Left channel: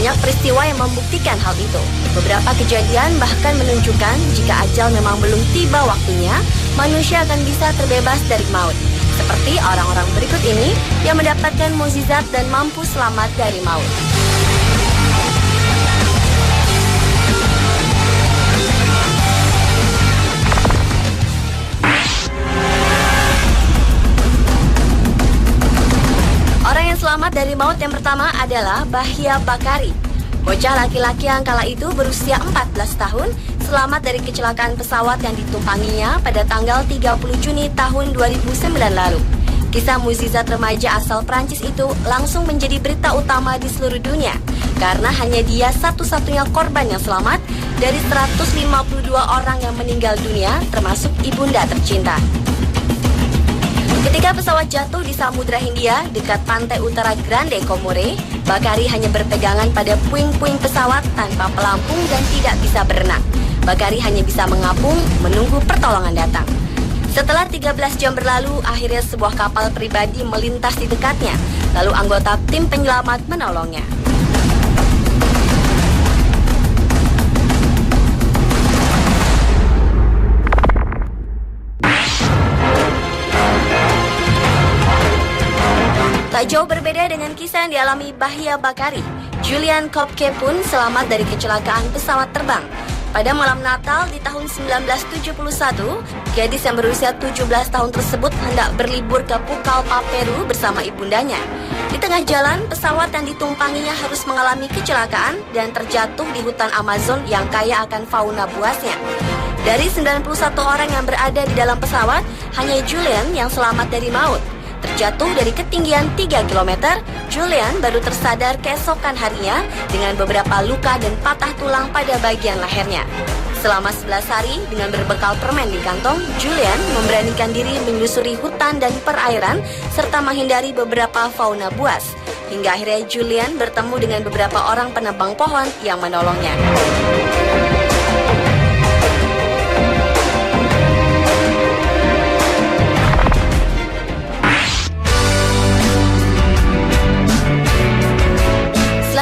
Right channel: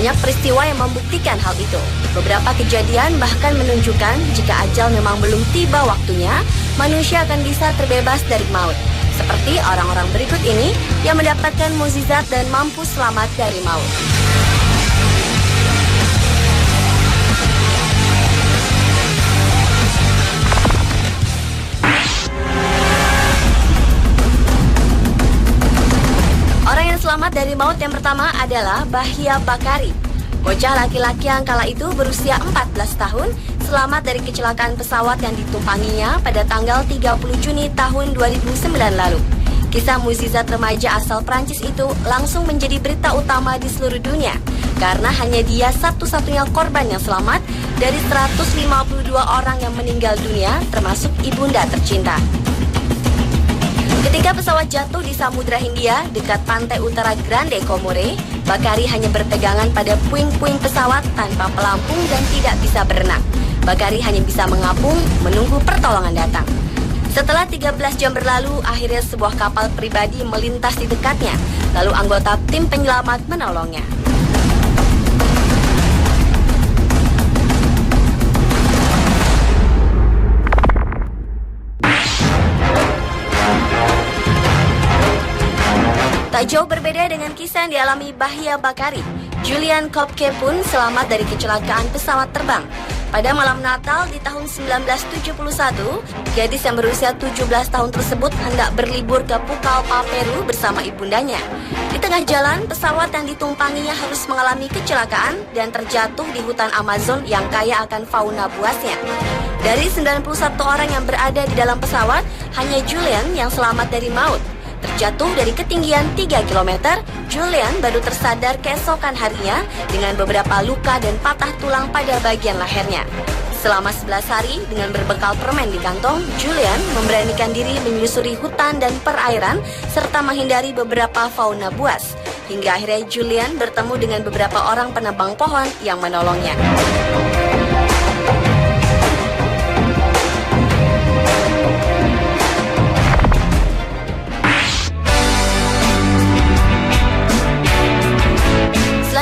Banyak peristiwa yang membuktikan hal itu. Beberapa kejadian bahkan menunjukkan jika ajal memang belum tiba waktunya, manusia akan bisa terbebas dari maut. Seperti orang-orang berikut ini yang mendapatkan mukjizat dan mampu selamat dari maut. Orang yang selamat dari maut yang pertama adalah Bahya Bakari. Bocah laki-laki yang kala itu berusia 14 tahun selamat dari kecelakaan pesawat yang ditumpanginya pada tanggal 30 Juni tahun 2009 lalu. Kisah mukjizat remaja asal Prancis itu langsung menjadi berita utama di seluruh dunia karena hanya dia satu-satunya korban yang selamat dari 152 orang yang meninggal dunia, termasuk ibunda tercinta. Ketika pesawat jatuh di Samudra Hindia dekat pantai utara Grande Comore, Bakari hanya berpegangan pada puing-puing pesawat tanpa pelampung dan tidak bisa berenang. Bakari hanya bisa mengapung, menunggu pertolongan datang. Setelah 13 jam berlalu, akhirnya sebuah kapal pribadi melintas di dekatnya. Lalu anggota tim penyelamat menolongnya. Tak jauh berbeda dengan kisah yang dialami Bahya Bakari, Julian Kolbke pun selamat dari kecelakaan pesawat terbang. Pada malam Natal di tahun 1971, gadis yang berusia 17 tahun tersebut hendak berlibur ke Pucallpa, Peru bersama ibundanya. Di tengah jalan, pesawat yang ditumpanginya harus mengalami kecelakaan dan terjatuh di hutan Amazon yang kaya akan fauna buasnya. Dari 91 orang yang berada di dalam pesawat, hanya Julian yang selamat dari maut. Terjatuh dari ketinggian 3 km, Julian baru tersadar keesokan harinya dengan beberapa luka dan patah tulang pada bagian lehernya. Selama 11 hari dengan berbekal permen di kantong, Julian memberanikan diri menyusuri hutan dan perairan serta menghindari beberapa fauna buas. Hingga akhirnya Julian bertemu dengan beberapa orang penebang pohon yang menolongnya.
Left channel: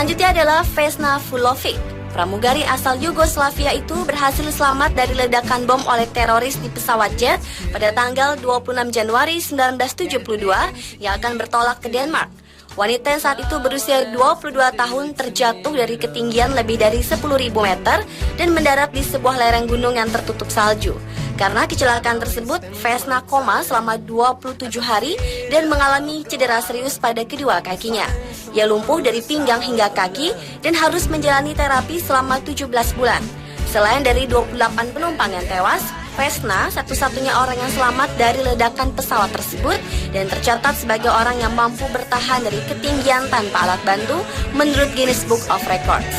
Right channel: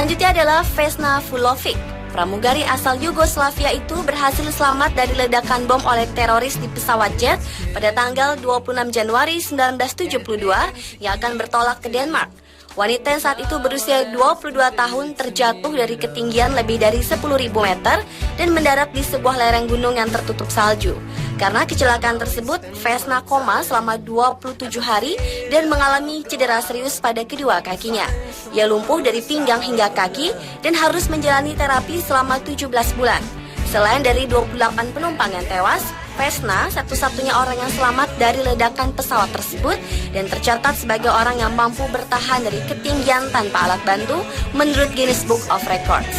Selanjutnya adalah Vesna Vulovic. Pramugari asal Yugoslavia itu berhasil selamat dari ledakan bom oleh teroris di pesawat jet pada tanggal 26 Januari 1972 yang akan bertolak ke Denmark. Wanita yang saat itu berusia 22 tahun terjatuh dari ketinggian lebih dari 10.000 meter dan mendarat di sebuah lereng gunung yang tertutup salju. Karena kecelakaan tersebut, Vesna koma selama 27 hari dan mengalami cedera serius pada kedua kakinya. Ia lumpuh dari pinggang hingga kaki dan harus menjalani terapi selama 17 bulan. Selain dari 28 penumpang yang tewas, Vesna satu-satunya orang yang selamat dari ledakan pesawat tersebut dan tercatat sebagai orang yang mampu bertahan dari ketinggian tanpa alat bantu menurut Guinness Book of Records.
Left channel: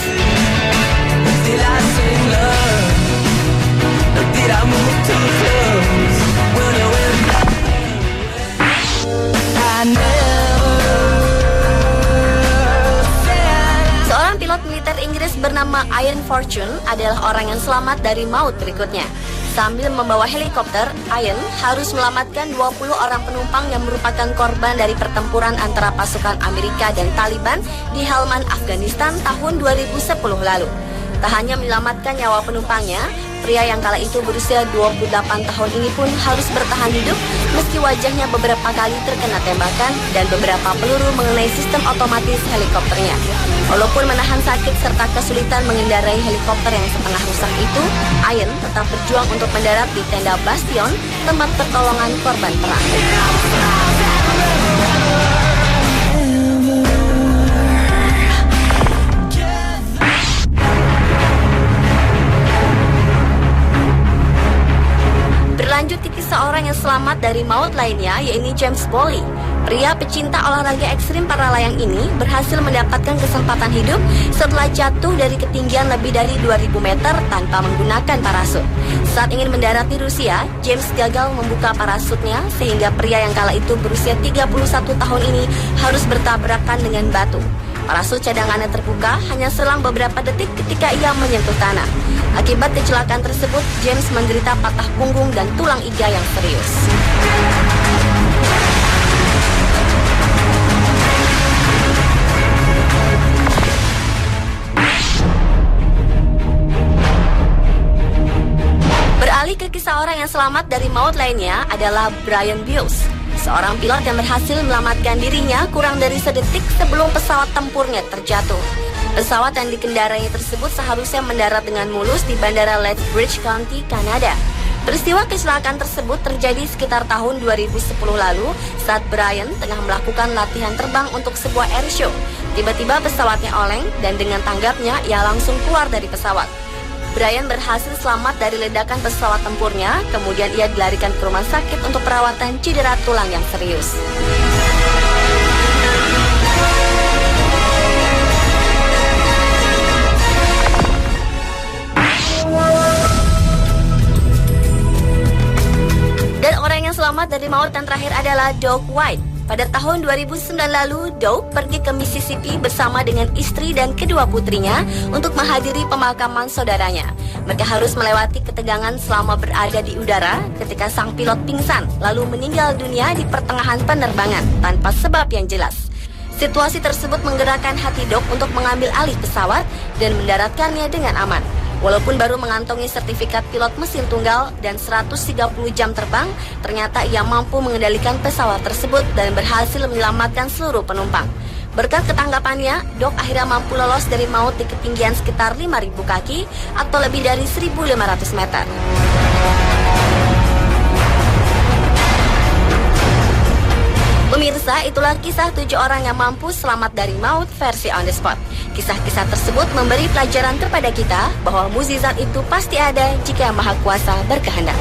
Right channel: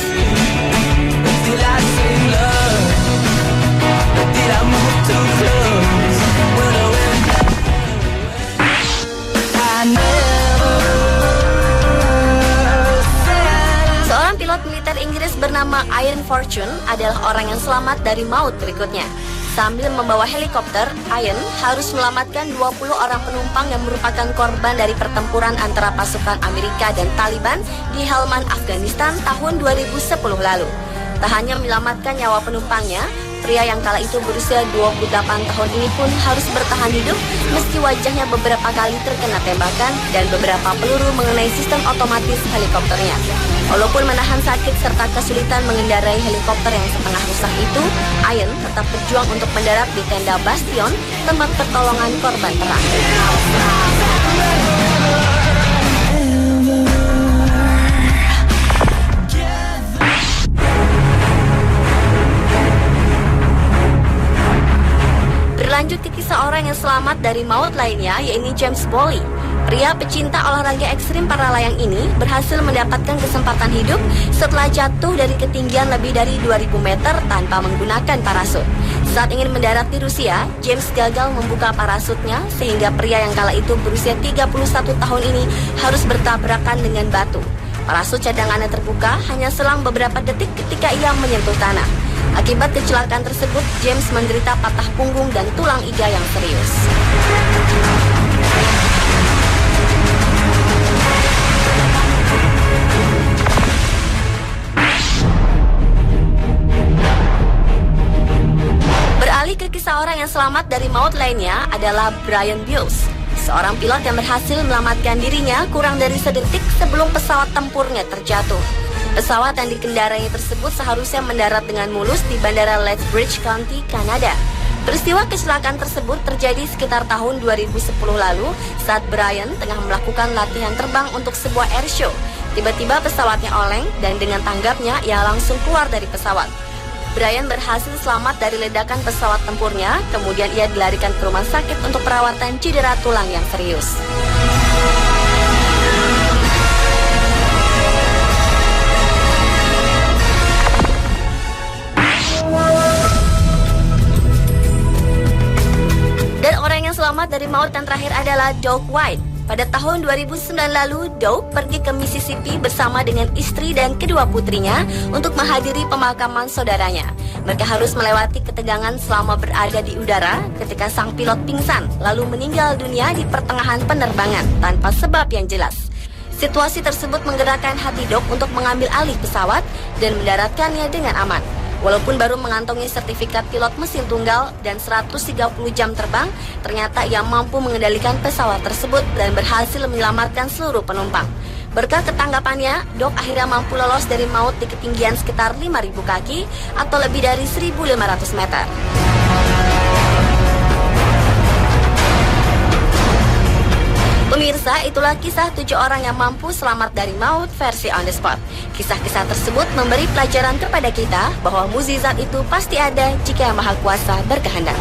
Seorang pilot militer Inggris bernama Ian Fortune adalah orang yang selamat dari maut berikutnya. Sambil membawa helikopter, Ian harus melamatkan 20 orang penumpang yang merupakan korban dari pertempuran antara pasukan Amerika dan Taliban di Helmand, Afghanistan tahun 2010 lalu. Tak hanya menyelamatkan nyawa penumpangnya, pria yang kala itu berusia 28 tahun ini pun harus bertahan hidup meski wajahnya beberapa kali terkena tembakan dan beberapa peluru mengenai sistem otomatis helikopternya. Walaupun menahan sakit serta kesulitan mengendarai helikopter yang setengah rusak itu, Ian tetap berjuang untuk mendarat di tenda Bastion, tempat pertolongan korban perang. Berlanjut ke kisah orang yang selamat dari maut lainnya, yaitu James Bowley. Pria pecinta olahraga ekstrim para layang ini berhasil mendapatkan kesempatan hidup setelah jatuh dari ketinggian lebih dari 2.000 meter tanpa menggunakan parasut. Saat ingin mendarat di Rusia, James gagal membuka parasutnya sehingga pria yang kala itu berusia 31 tahun ini harus bertabrakan dengan batu. Parasut cadangannya terbuka hanya selang beberapa detik ketika ia menyentuh tanah. Akibat kecelakaan tersebut, James menderita patah punggung dan tulang iga yang serius. selamat dari maut lainnya adalah Brian Bios, seorang pilot yang berhasil menyelamatkan dirinya kurang dari sedetik sebelum pesawat tempurnya terjatuh. Pesawat yang dikendarai tersebut seharusnya mendarat dengan mulus di Bandara Lethbridge County, Kanada. Peristiwa kecelakaan tersebut terjadi sekitar tahun 2010 lalu saat Brian tengah melakukan latihan terbang untuk sebuah airshow. Tiba-tiba pesawatnya oleng dan dengan tanggapnya ia langsung keluar dari pesawat. Brian berhasil selamat dari ledakan pesawat tempurnya, kemudian ia dilarikan ke rumah sakit untuk perawatan cedera tulang yang serius. Dan orang yang selamat dari maut yang terakhir adalah Doug White. Pada tahun 2009 lalu, Doug pergi ke Mississippi bersama dengan istri dan kedua putrinya untuk menghadiri pemakaman saudaranya. Mereka harus melewati ketegangan selama berada di udara ketika sang pilot pingsan, lalu meninggal dunia di pertengahan penerbangan tanpa sebab yang jelas. Situasi tersebut menggerakkan hati Doug untuk mengambil alih pesawat dan mendaratkannya dengan aman. Walaupun baru mengantongi sertifikat pilot mesin tunggal dan 130 jam terbang, ternyata ia mampu mengendalikan pesawat tersebut dan berhasil menyelamatkan seluruh penumpang. Berkat ketanggapannya, Doug akhirnya mampu lolos dari maut di ketinggian sekitar 5.000 kaki atau lebih dari 1.500 meter. Pemirsa, itulah kisah 7 orang yang mampu selamat dari maut versi On The Spot. Kisah-kisah tersebut memberi pelajaran kepada kita bahwa mukjizat itu pasti ada jika Yang Maha Kuasa berkehendak.